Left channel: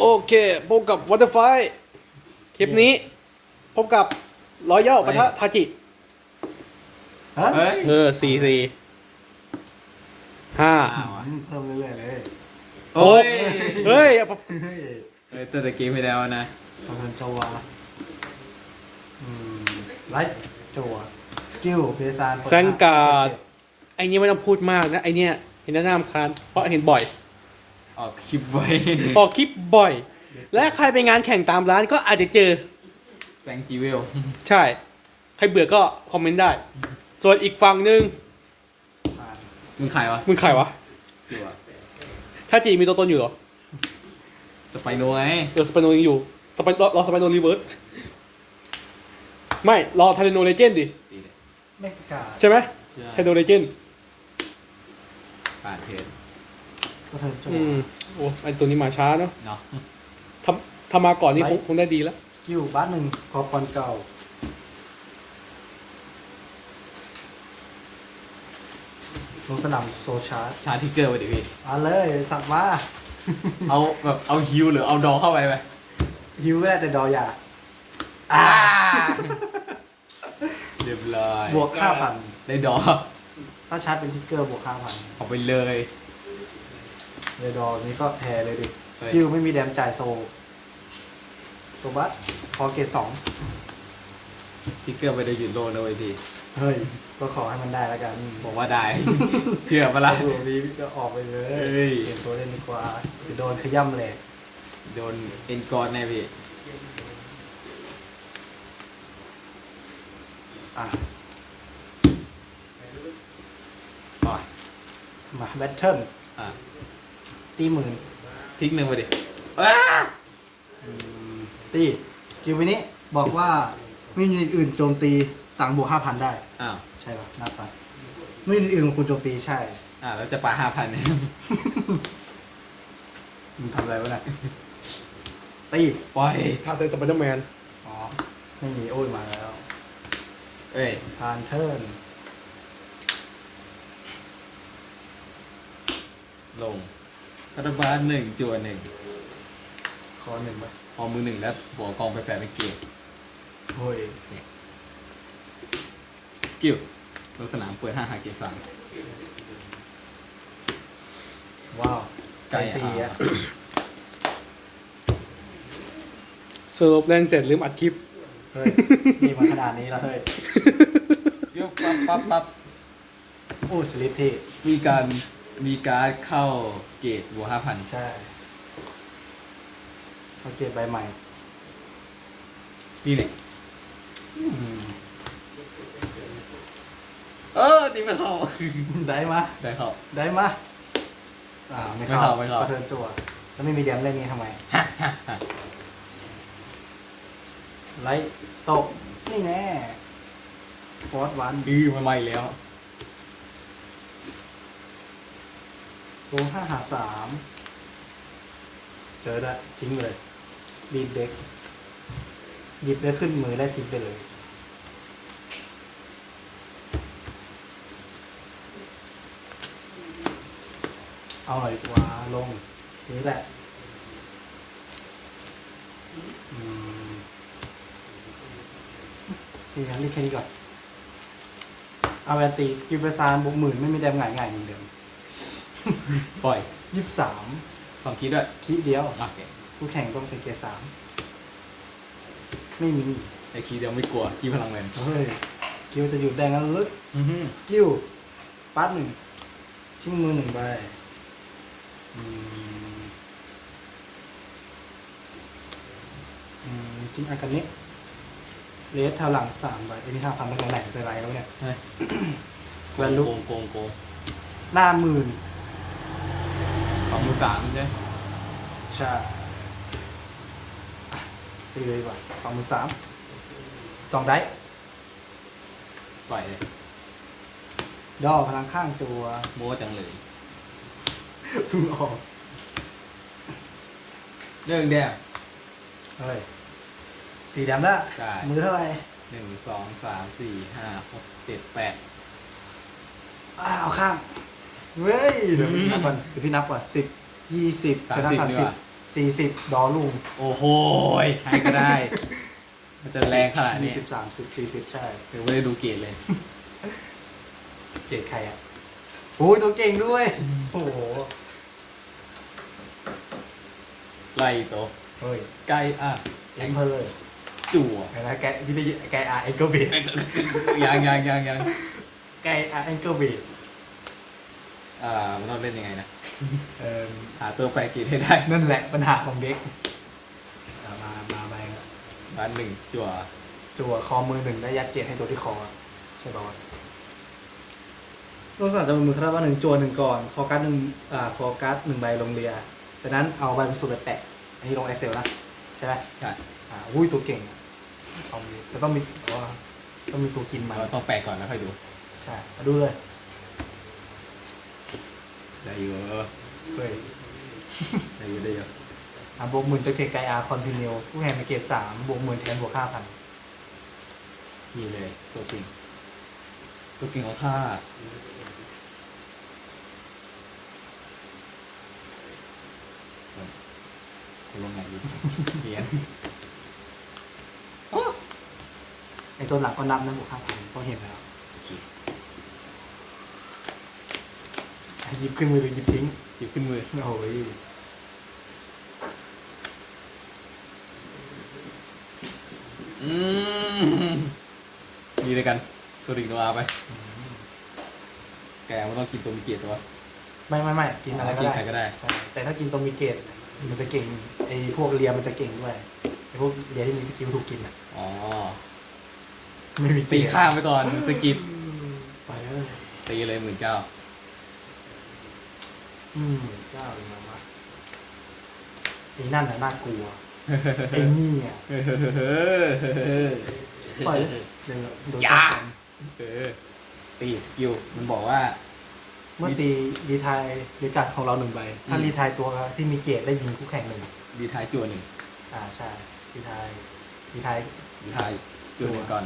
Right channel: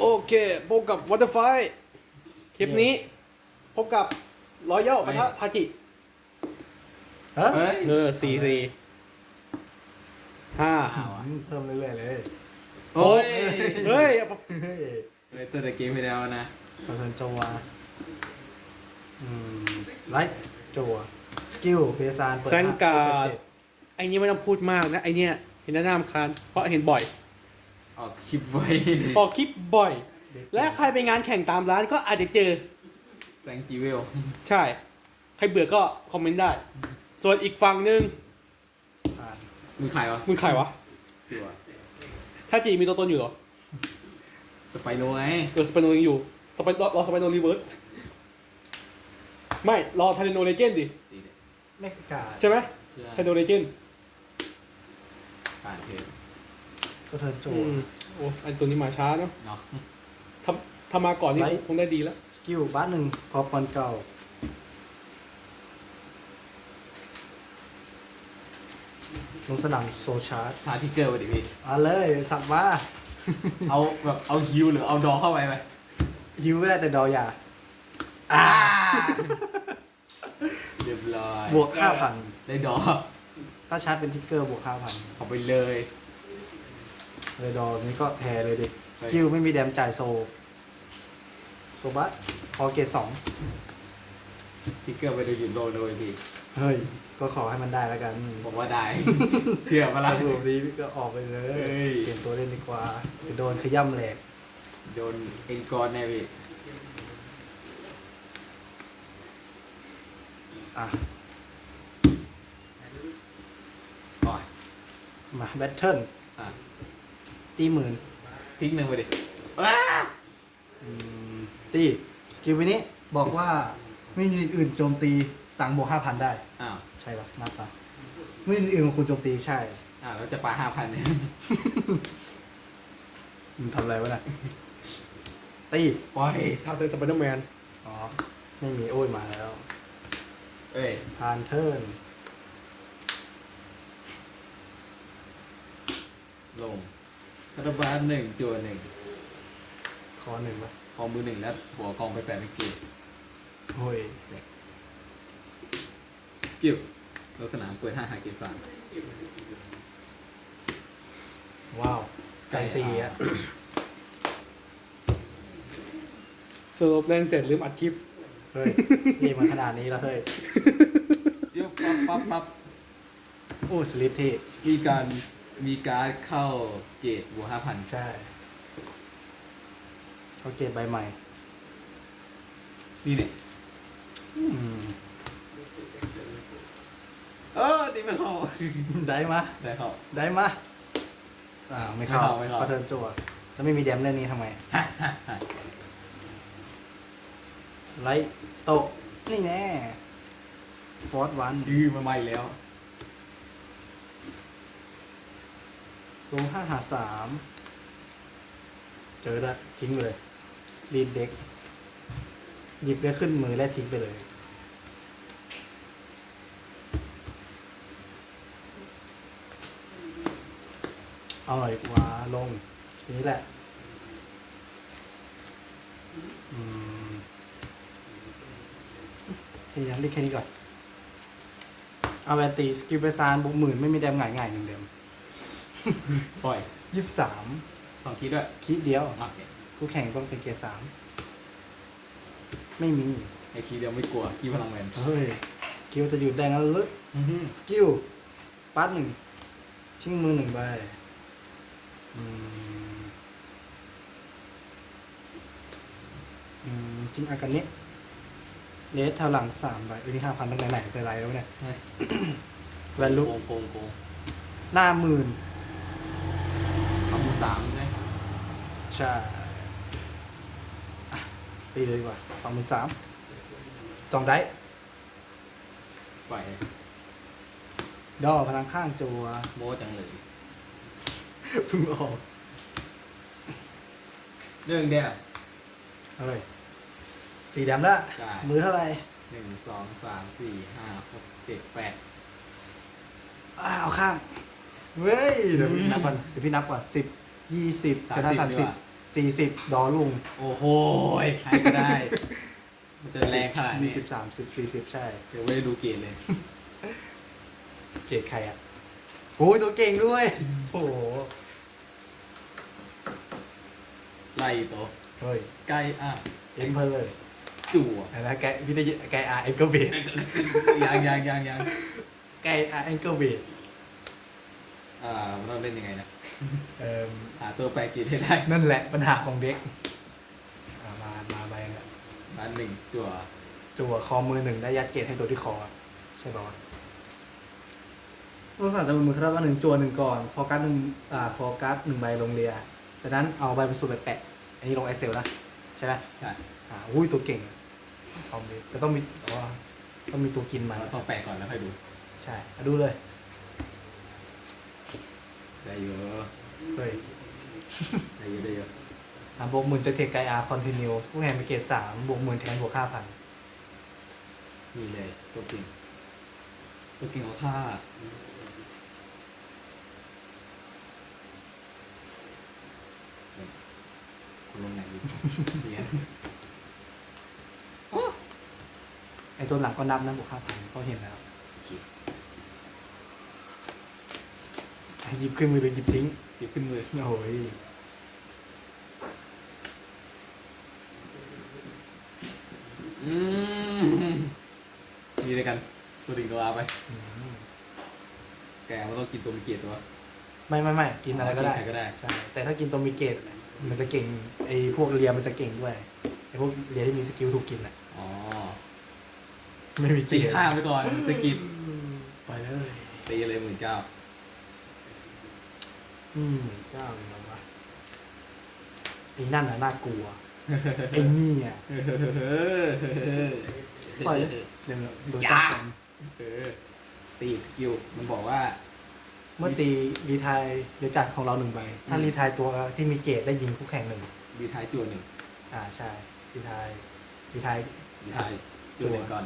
โอเคพบกับวัตเตอร์ไฟคลิปนี้ พบกับรอยย่อปะทะทาจิฮะเฮ้ยเออสี่สี่ห้าอ้าวอืมเพิ่มเรื่อยๆเลยโอ้ยเฮ้ยเฮ้ยเฮ้ยตัวตะเกมไปแล้วนะคอนโทรลจัวอืมไลท์จัวสกิลเพซานแซงการ์ดไอ้นี่ไม่ต้องพูดมากนะ ไอเนี้ยเห็นหน้าน้ำคานเพราะเห็นบ่อย ออกคลิปไว้ออกคลิปบ่อย และใครไปงานแข่งตามร้านก็อาจจะเจอแซงจีเวล ใช่ ใครเบื่อก็คอมเมนต์ได้ ส่วนอีกฝั่งหนึ่งอ่ามึงขายวะ มึงใครวะจิ๋วอะถ้าจีมีตัวตนอยู่เหรอ สไปโนไงเออสไปโนยังอยู่ สไปรอรอสไปโนรีเวิร์สไม่ รอทาร์โนเลเจนดิตีเนี่ยแมกกาใช่ไหมเชื่อทาร์โนเลเจนปาดเถิ ดตัวเทิร์นจัวอืมโอ้ไอตัวนี้มาช้าเนาะเนาะทำทำมาก่อนนี่คงคงได้ดีแล้ว สกิลบัสหนึ่งคอปอนเก่าลงสนามโซชาร์ชาร์จทิกเกอร์ไปดิพี่ เอาเลยสับมาเอาแบบเอาฮิวหรือเอาดอเข้าไปไหมฮิวก็ได้แต่ดออยาอ่า เรียบร้อยบวกห้าพันได้ดอ ถ้าชาร์จเป็นทิกเกอร์บวกห้าพันเอาไปเลย เลยดอนี้ก็แพ้เลยดิเฮ้สยกิลไม่มีแดมจ่ายโซโซบัสพอเกตสองทิกเกอร์ไปได้หยุดโลเลยทีเฮ้ย ก็ขอให้มันได้แล้วกันบอกว่าได้ เชื่อปะล่ะตัวนี้ก็ออกไปเลยเฮ้ยเปลี่ยนตัวเล่นดีกว่าจะโดนขย้ำแหลกโดนเอ็นกอร์แน่พี่อะอ๋อมาแบทเทิลอะ ตีหมื่นทิ้งหนึ่งไปดิอ้าอืมตีสกิลวินี้บอกว่าไม่มีอื่นโจมตีสั่งบวกห้าพันได้ อ้าวใช่ปะหน้าตาไม่มีอื่นของคุณโจมตีใช่อ่าแล้วจะปาห้าพันเนี่ยมึงทำอะไรวะเนี่ยตีปล่อยพาเตนสไปเดอร์แมนอ๋อไม่มีโอ้ยมาแล้วเอ้ยทานเทิร์นลง รัฐบาลหนึ่งจัวหนึ่งคอหนึ่งปะเอามือหนึ่งแล้วหัวกองไปแปดเป็นเกตโอ้ยสกิลลงสนามเปิดห้าหาเกตสามว้าวใจใจสีอะอะสรุปเล่นเสร็จลืมอัดคลิป เฮ้ยนี่มันขนาดนี้แล้วเฮ้ยเดี๋ยวปั๊บปั๊บปั๊บโอ้สลิปที่มีการ มีการดเข้าเกตบวกห้าพันใช่เขาเกตใบใหม่ นี่เนี่ยอืมเออตีไม่เข้าได้มาได้เข้า ได้มาอ่าไม่ไม่เข้าเข้าไม่เข้าก็เทิร์นจั่วแล้วไม่มีแดมเล่นนี้ทำไมไลท์ตก นี่แน่ฟอร์ดวันอือมาใหม่แล้ว โกห้าหาสามเจอแล้วทิ้งเลยรีดเด็ก หยิบได้ขึ้นมือแล้วทิ้งไปเลยเอาหน่อยกว่าลงนี่แหละนี่นะนี่แค่นี้ก่อนเอาแวนตีสกิลเปอร์ซานบวกหมื่นไม่มีแดมง่ายง่ายเหมือนเดิม ปล่อยยี่สิบสามสองคิดด้วยคีเดียวรักเนี่ยคู่แข่งต้องเป็นเกียร์สามไม่มีไอ้คีเดียวไม่กลัวคีพลังเงินเฮ้ยคิดว่าจะหยุดแดงแล้วลึกอื้อหือสกิลปาร์ตหนึ่งทิ้งมือหนึ่งใบอืมอืมทิ้งอากันนี้เลสแถวหลังสามใบอันนี้ห้าพันตั้งแต่ไหนแต่ไรแล้วเนี่ยเฮ้ยแวนลุกโกงโกงโกงหน้าหมื่น สองหมื่นสามเนี่ยใช่อะตีเลยดีกว่าสองหมื่นสามสองได้ปล่อยย่อพลังข้างจัวโบะจังเลยเพึ่งออกเรื่องเดียว เฮ้ยสีแดงละใช่ มือเท่าไหร่หนึ่งสองสามสี่ห้าหกเจ็ดแปด อ่าเอาข้างเว้ยเดี๋ยวพี่นับก่อนเดี๋ยวพี่นับก่อนสิบ ยี่สิบสามจะได้สิบสามดีสิกบว่าสสี่สิบดอลลุงโอ้โหยใครก็ได้ มันจะแรงขนาดยี่นี้สิบสามสิบสี่สิบใช่ยังไม่ได้ดูเกรดเลย เกรดใครอะโอ้ยตัวเก่งด้วย โอ้โหไล่โตะเฮ้ยใกล้อะเอ็มเพลเลยจั่วเห็นไหมแกวิทยาแกอาร์เอ็กเกิลเบดยังยังยังยังแกอาร์เอ็กเกิลเบดอ่ามันต้องเล่นยังไงนะ เออหาตัวแปรเกรดให้ได้นั่นแหละปัญหาของเด็กอะมามาไปแล้วบ้านหนึ่งจั่วจั่วคอมือหนึ่งได้ยัดเกียรให้ตัวที่คอใช่ปะลักษณะจะเป็นมือคาราบาหนึ่งจั่วหนึ่งก่อน คอการ์ดหนึ่งอ่าคอการ์ดหนึ่งใบลงเรียจากนั้นเอาใบบรรสุดไปแปะอันนี้ลงไอเซลนะใช่ไหมใช่อ่าอุ้ยตัวเก่งเอามีก็ต้องมีอ๋อต้องมีตัวกินมาเราต้องแปลก่อนแล้วค่อยดูใช่มาดูเลย ได้เยอะเฮ้ยได้เยอะได้เยอะอะบวกหมื่นจากเทคไกอาร์คอนติเนียผู้แข่งมาเกตสามบวกหมื่นแทนบวกห้าพันนี่เลยตัวจริงตัวจริงของข้าคุณลงไหนดีเนียนไอตัวหลังก็นับนะบวกห้าพันก็เห็นแล้วอะ หยิบขึ้นมือหรือหยิบทิ้ง หยิบขึ้นมือโอ้ยอืมมีเลยกันสริงโนอาไปอืมแกมันต้องกินตัวมีเกียรติตัวไม่ไม่ไม่กินอะไรก็ได้ใครก็ได้ ใช่แต่ถ้ากินตัวมีเกตมันจะเก่งไอพวกเลียมันจะเก่งด้วยไอพวกเลียที่มีสกิลถูกกินอะอ๋อ ไม่มีเกตีตข้างไปก่อนสกิดไปเลยตีเลยหมื่นเก้า อืมเจ้าเป็นไงวะไอ้นั่นน่ะน่ากลัว ไอ้นี่อะปล่อยเลยเดี๋ยวดูตามเออตีสกิลมันบอกว่า เมื่อตีรีไทายรีการดของเราหนึ่งใบ ถ้ารีไทายตัวที่มีเกตได้ยิงคู่แข่งหนึ่งดีทายจวนหนึ่งอ่าใช่รีไทายรีไทายดีทายจวนหนึ่งก่อน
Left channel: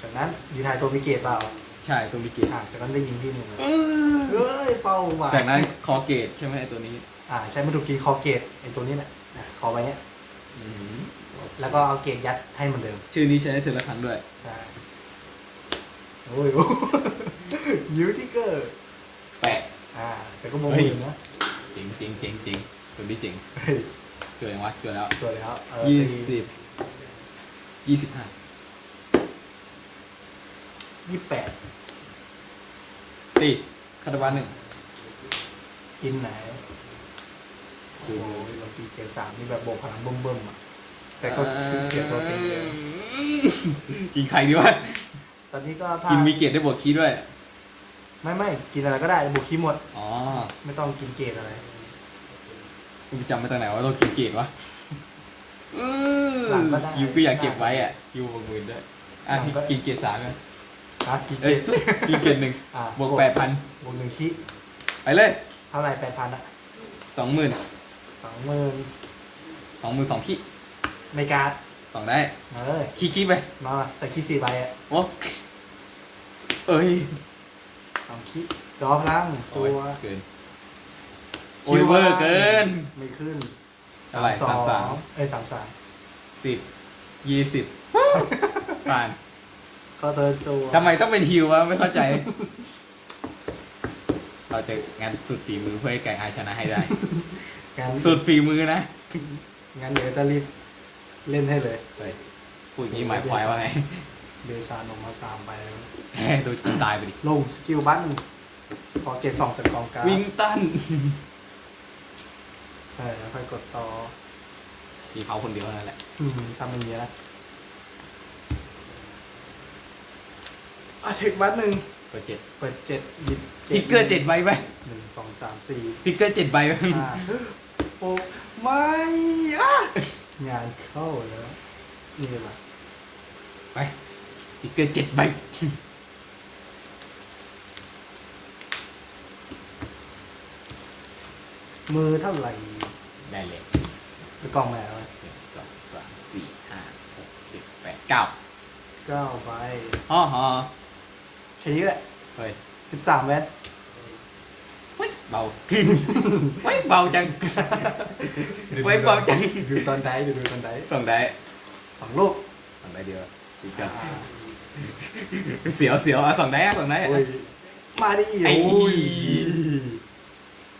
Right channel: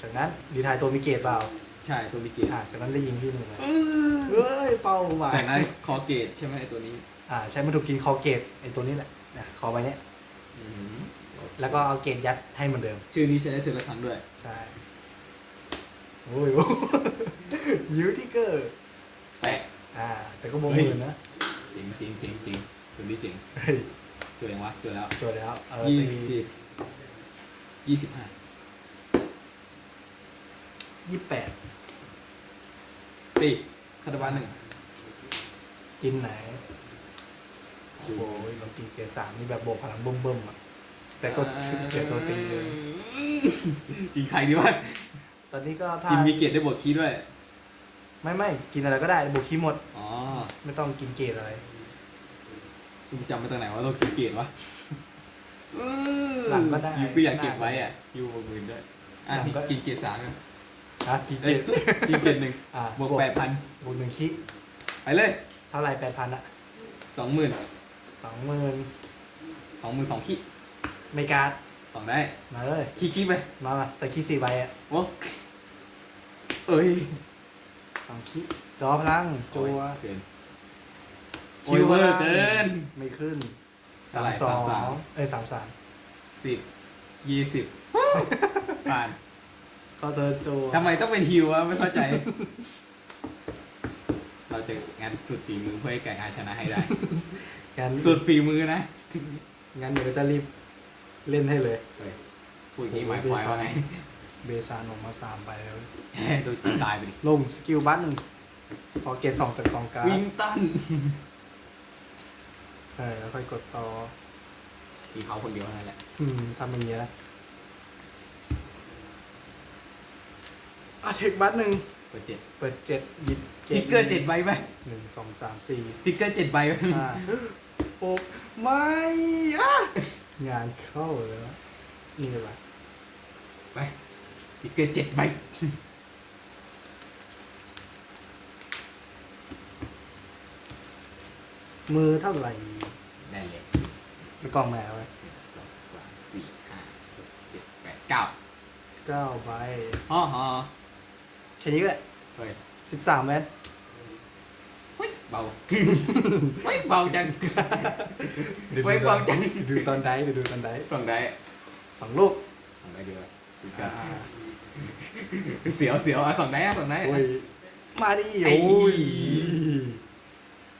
จากนั้นรีไทายตัวมีเกตเปล่า ใช่ตัวมีเกียรติอ่าจากนั้นได้ยิงที่หนึ่งเฮ้ยเป้าหวานจากนั้นคอเกตใช่ไหมไอ้ตัวนี้อ่าใช้มาถูกกินคอเกตไอ้ตัวนี้แหละนะคอไว้เนี้ยอืมแล้วก็เอาเกตยัดให้เหมือนเดิมชื่อนี้ใช้ได้เทอละครั้งด้วย ใช่โอ้ยโอ้ยยูทิกเกอร์แปะ อ่า แต่ก็มองไม่เห็นนะจริงจริงจริงจริงตัวนี้จริงเฮ้ยจวนยังวะจวนแล้วตัวแล้วเออยี่ตีสิบยี่สิบห้า ยี่สิบแปดตีคาตาบานหนึ่งกินไหน โอ้โหเราตีเกียร์สามนี่แบบโบกพลังเบิ่มๆอะแต่ก็เสียตัวตีเลย กินใครดีวะ ตอนนี้ก็ถ้ากินมีเกตได้บวกคีย์ด้วย ไม่ไม่กินอะไรก็ได้บุกขี้หมด อ๋อไม่ต้องกินเกตอะไรกูจำมาตอนไหนว่าเรากินเกตวะหลังก็ได้ คิวก็อยากเก็บไว้อะคิวบวกหมื่นด้วยอะหลังก็กินเกตสามไง ฮะกินเกเอ้ยตกินเกตหนึ่งอ่าบวกแปดพันบวกหนึ่งคิไปเลยเท่าไหร่แปดพันอะสองหมื่นสองหมื่นสองหมื่นสองขี้ในการ์ดสองได้มาเลยขี้ขี้ไปมามาใส่ขี้สี่ใบอะโอ้เอ้ยสองขี้รอพลังตัวโอ้ยเกินโอ้ยเวอร์เกิน ไม่ขึ้นเท่าไหร่สองสามสาม เอ้ยสามสามสิบยี่สิบ ผ่าน ก็เติร์นตัวทำไมต้องเป็นฮิววะไม่เข้าใจ เราจะงานสุดฝีมือเพื่อให้ไก่อาชนะให้ได้ งั้นสุดฝีมือนะงั้นเดี๋ยวจะรีบเล่นให้เลยเฮ้ยพูดอย่างนี้หมายความว่าไงเบซานออกมาสามใบแหมดูจนตายไปดิลงสกิลบัตหนึ่งพอเกตสองจากกองการ์ดวิงตันใช่แล้วค่อยกดต่อมีเขาคนเดียวเท่านั่นแหละ อืมทำอย่างนี้นะ อาเทคบัตหนึ่งเปิดเจ็ดเปิดเจ็ดหยิบทิกเกอร์เจ็ดใบไหมหนึ่งสองสามสี่ทิกเกอร์เจ็ดใบไหมห้าโอ้ไม่อะงานเข้าแล้วนี่แหละไปทิกเกอร์เจ็ดใบมือเท่าไหร่ได้เลยไปกล่องแล้วหนึ่งสองสามสี่ห้าหกเจ็ดแปดเก้าเก้าใบฮ่อฮอแค่นี้แหละเฮ้ยสิบสามเมตรใบเบาไว้เบาจังไว้เบาจังดูตอนไดดูดูตอนไดสองได้สองลูกสองได้เดียวดูกันเสียวเสียวอะสองได้อะสองได้โอ้ยมาดิไอ้โอ้ย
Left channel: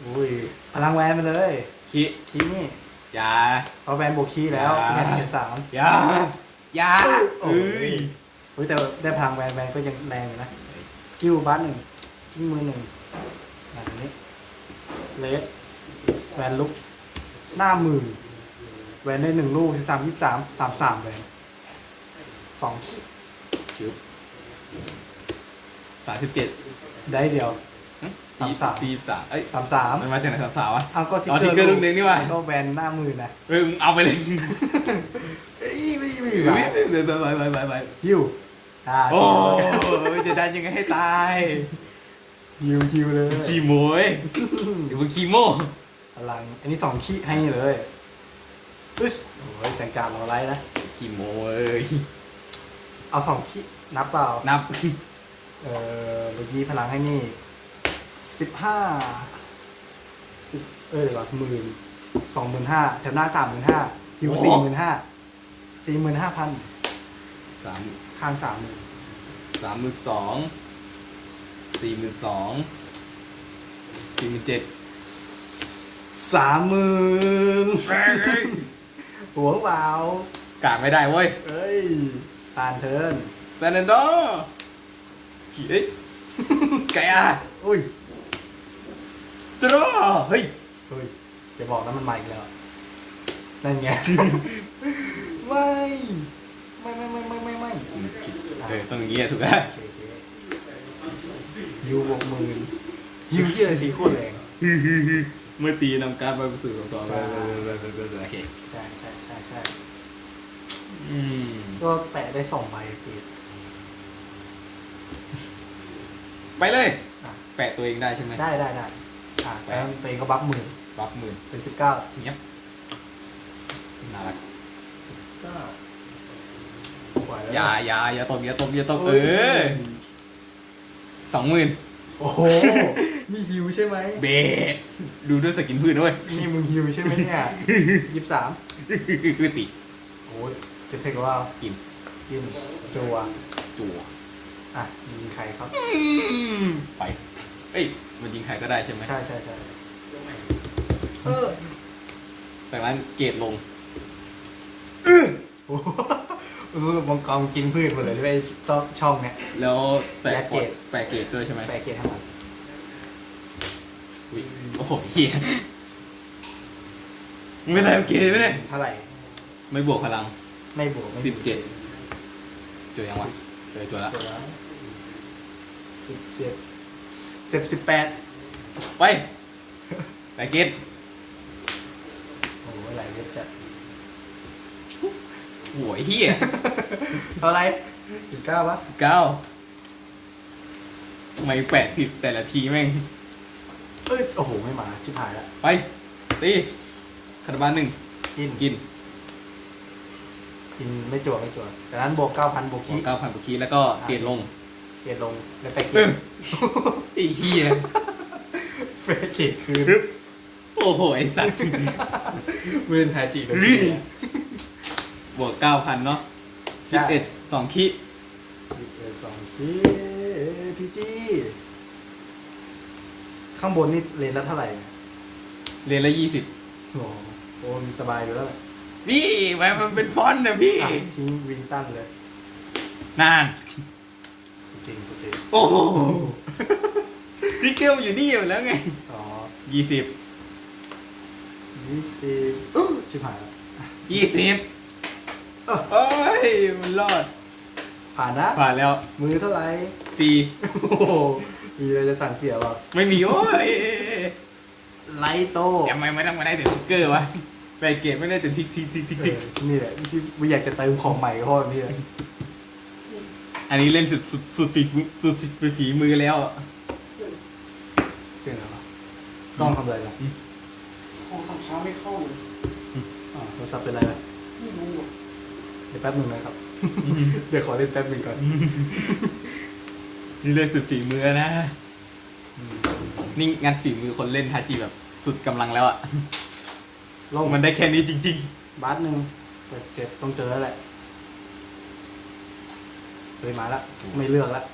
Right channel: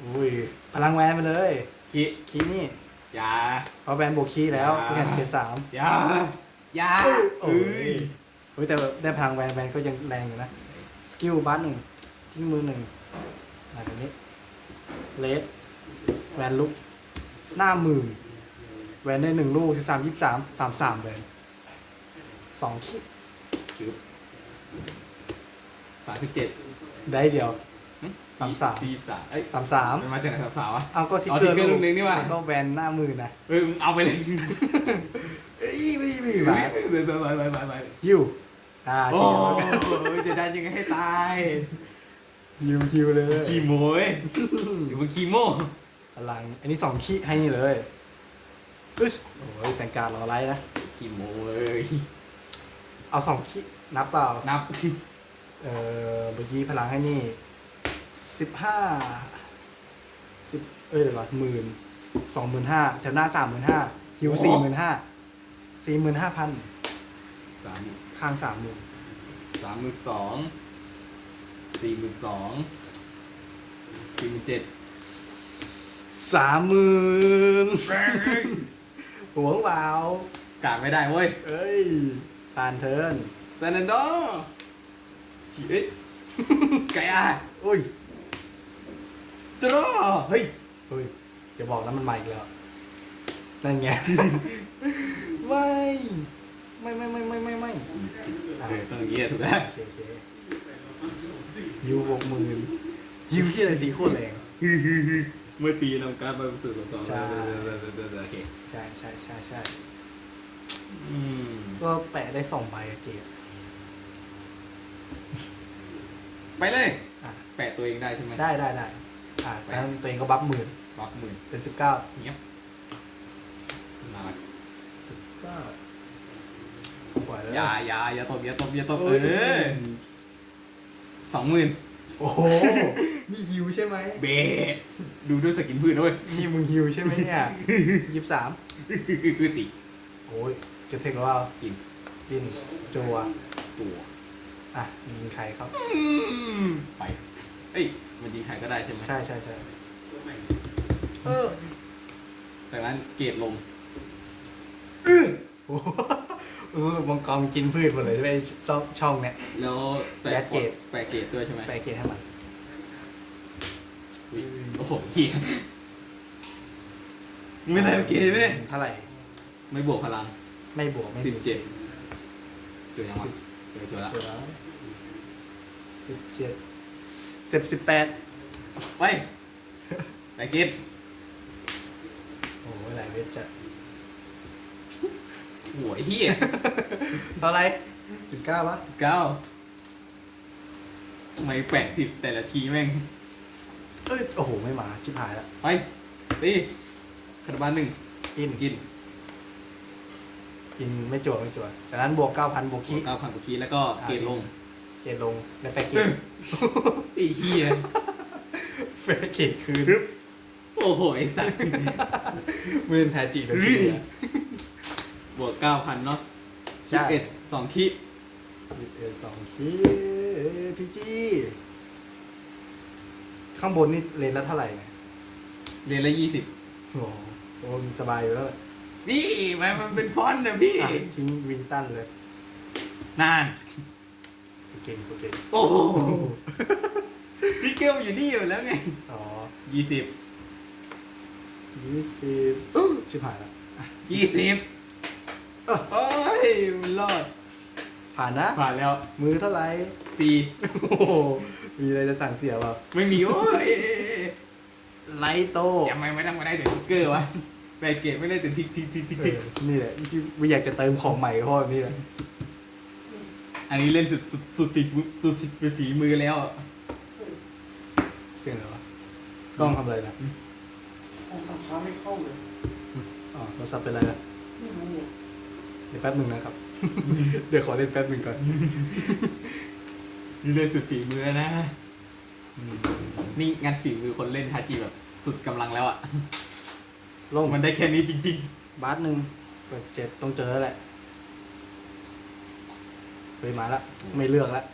โอ้ยพลังแวนมาเลยคีคีนี่อยาพอแวนบวกคีแล้วอ่าแค่เกตสามอยาอยาโอ้เอ้ยยโอ้ยแต่ได้พลังแวนแวนก็ยังแรงอยู่นะส กิลบัสหนึ่งทิ้งมือหนึ่งแบบนี้เลสแวนลุก หน้ามือแวนได้หนึ่งลูกสิบสามยี่สามสามสามแวนสองขีดชิวสามสิบเจ็ดได้เดียว สามสาม สี่สามเอ้ยสามสามมันมาจากไหนสามสามวะ เอาก็ทิกเอาเกอทิกเกอร์ร์ลูกนึงนี่ว่ะแล้วก็แวนหน้ามือนะเออมึงเอาไปเลยเอ้ยไม่ไม่ไปไม่ไปไปไปไปไปฮิว อ่าโอ้สี่จะดันยังไงให้ตายฮิวฮิวเลยขี้โมยเดี๋ยวมึงขี้โม่พลังอันนี้สองขีดให้นี่เลยอึ๊สโอ้ยแสงการเราไล่นะขี้โมยเอาสองขีดนับเปล่านับเอ่อเมื่อกี้พลังให้นี่สิบห้าสิบเอ้ยเดี๋ยวหมื่นสองหมื่นห้าแถวหน้าสามหมื่นห้าฮิวสี่หมื่นห้าสี่หมื่นห้าพัน สามข้างสามหมื่นสามหมื่นสองสี่หมื่นสองสี่หมื่นเจ็ดสามหมื่นหัวเปล่ากาดไม่ได้เว้ยเอ้ยตานเทิร์นสแตนดอร์ขี้เอ้ยไก่อะอุ้ยตรอเฮ้ยเฮ้ยอย่าบอกนะมันมาอีกแล้วนั่นไง ไม่ไม่ไม่ไม่ไม่ไม่ไม่ เออต้องอย่างงี้อะถูกแล้วโอเคโอเคยูบวกหมื่นยูที่อะไรดีโคตรแรงเมื่อตีนำการไปสู่กับกองใช่โอเคใช่ใช่ใช่ใช่อืมก็แตะได้สองใบอะเกรดไปเลยอะแปะตัวเองได้ใช่ไหมได้ได้ได้อะแล้วตัวเองก็บัฟหมื่นบัฟมือเป็นสิบเก้าเนี้ยน่ารัก เก้าไหว อแล้วย่าอย่าอย่าตกอย่าตกอย่าตกเออสองหมื่นโอ้โห นี่ฮิวใช่ไหมเบะดูด้วยสกินพืชด้วยนี่มึงฮิวใช่ไหมเนี่ยยี่สิบสามคือติโอ้ยจะเทคว่ากินกินจัวจั่วอะยิงใครครับ ไป เอ้ย มันยิงใครก็ได้ใช่ไหมใช่ใช่ใช่เออจากนั้นเกรดลงโอ้โหเอ อมังกรกินพืชหมดเลยไม่ซอกช่องเนี่ย แล้วแปะแปะเกรด แปะเกรดด้วยใช่ไหมแปลเกตให้หมดอุ๊ยโอ้โหเฮียไม่ได้เกรดไม่ได้เท่าไหร่ ไม่บวกพลังไม่บวกไม่สิบเจ็ดจุดยังวะจุดจุดละเจ็ดแล้วสิบเจ็ดสิบสิบแปดไปแปะเกรดโอ้โหหลายเวทจะ โหัวเฮียเท่าไหร่สิบเก้าวะเก้าทำไมแปะผิดแต่ละทีแม่ง เอ้ยโอ้โห ไม่มา ชิบหายแล้วไปตีคาร์บานหนึ่งกินกินกินไม่จวดไม่จวดจากนั้นบวกเก้าพันบวกคีเก้าพันกว่าคีแล้วก็เกรดลงเกตลงแล้วแปลเกเอตอไอ้เฮียแปลเกตคือ โอ้โห ไอ้สัตว์ เวนแทจิเลย บวกเก้าพันเนาะใช่ คิดเอ็ดสองคิหยิบเลยสองคีพีจีข้างบนนี่เลนละเท่าไหร่เนี่ยเรียนละยี่สิบโอ้โหโอ้มีสบายอยู่แล้วพี่แม่มันเป็นฟอนต์นะพี่ อะทิ้งวินตันเลยนานเก่งเก่งโอ้โหพี่เกลอยู่นี่อยู่แล้วไงอ๋อยี่สิบยี่สิบอู้ชิบหายแล้วยี่สิบ เอ้อเอ้ยมันรอด ผ่านนะผ่านแล้วมือเท่าไหร่ฟรีโอ้โหมีอะไรจะสั่งเสียหรอไม่มีโอ้ยไลโตยังไม่ไม่ต้องมาได้แต่ทิกเกอร์วะแบกเกตไม่ได้แต่ทิกทิกทิกทิกเอทิกอนี่แหละที่ไม่อยากจะเติมของใหม่ก็เพราะแบบนี่แหละอันนี้เล่นสุดสุดสุดฝีมือสุดสุดฝีมือแล้วเสียงอะไรวะกล้องทำอะไรนะห้องคำช้าไม่เข้าเลยอ๋อโทรศัพท์เป็นอะไรนะไม่รู้อะเดี๋ยวแป๊บหนึ่งนะครับ เดี๋ยวขอเล่นแป๊บหนึ่งก่อนนี่เล่นสุดฝีมือนะอืมนี่งานฝีมือคนเล่นทาจิแบบสุดกำลังแล้วอะลงมันได้แค่นี้จริงบาสหนึ่งกดเจ็ดต้องเจอแล้วแหละเคยมาแล้วไม่เลือกแล้ว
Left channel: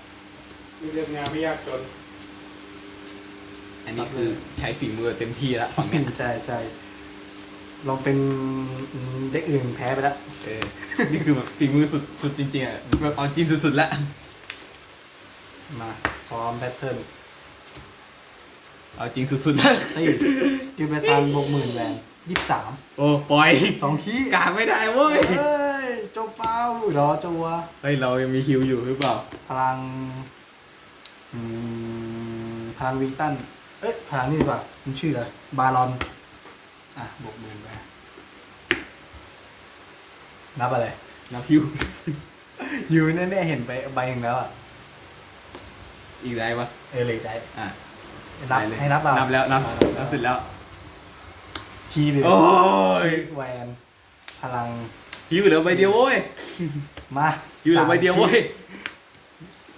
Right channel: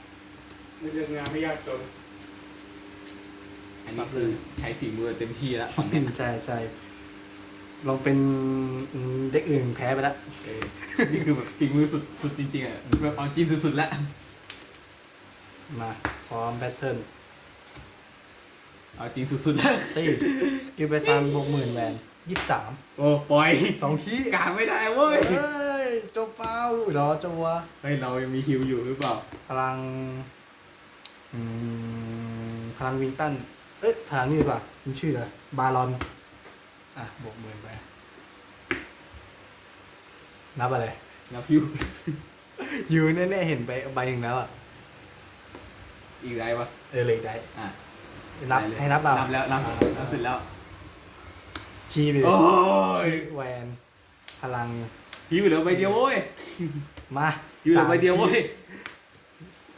ไม่เรียกงานไม่ยากจนๆอันนี้คือใช้ฝีมือเต็มที่แล้วฝั่งเนี้ยใช่ใช่ ลองเป็นอืมเด็กอื่นแพ้ไปแล้วเออนี่คือแบบฝีมือสุดสุดจริงๆอะแบบเอาจริงสุดๆแล้วมาพร้อมแบทเทิลเอาจริงสุดๆแล้วตีสกิลเบซันบวกหมื่นแวนยี่สิบสามโอ้ปล่อยสองขี้กลางไม่ได้เว้ยเฮ้ยเจ้าเป้ารอจัวเฮ้ยเรายังมีฮิวอยู่หรือเปล่า พลังอืมพลังวีตันเอ๊ะพลังนี่ดีกว่ามันชื่ออะไรบารอน อะบวกหมื่นไป นับอะไร นับฮิวยูแน่ๆเห็นไปใบหนึ่งแล้วอะอีกได้ปะเออเลยได้อะนับได้เลยให้นับเรานับแล้วนับนับเสร็จแล้ว คีย์เลยโอ้ยแวนพลังฮิวเหลือใบเดียวเว้ย มาฮิวเหลือใบเดียวเว้ย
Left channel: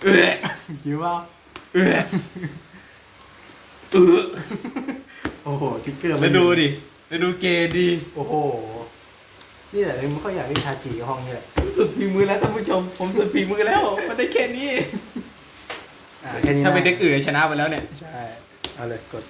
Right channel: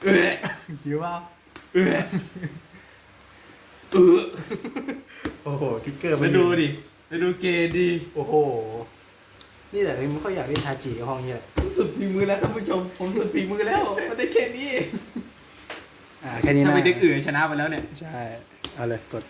เออคิดว่าเออเออโอ้โหทิกเกอร์มาดูดิ มาดูเกย์ดี โอ้โห นี่แหละมันก็อยากเล่นทาจิกับห้องนี้แหละสุดฝีมือแล้วท่านผู้ชม ผมสุดฝีมือแล้วมันได้แค่นี้ อ่าแค่นี้ถ้านะเป็นเด็กอื่นชนะไปแล้วเนี่ย ใช่ เอาเลยกด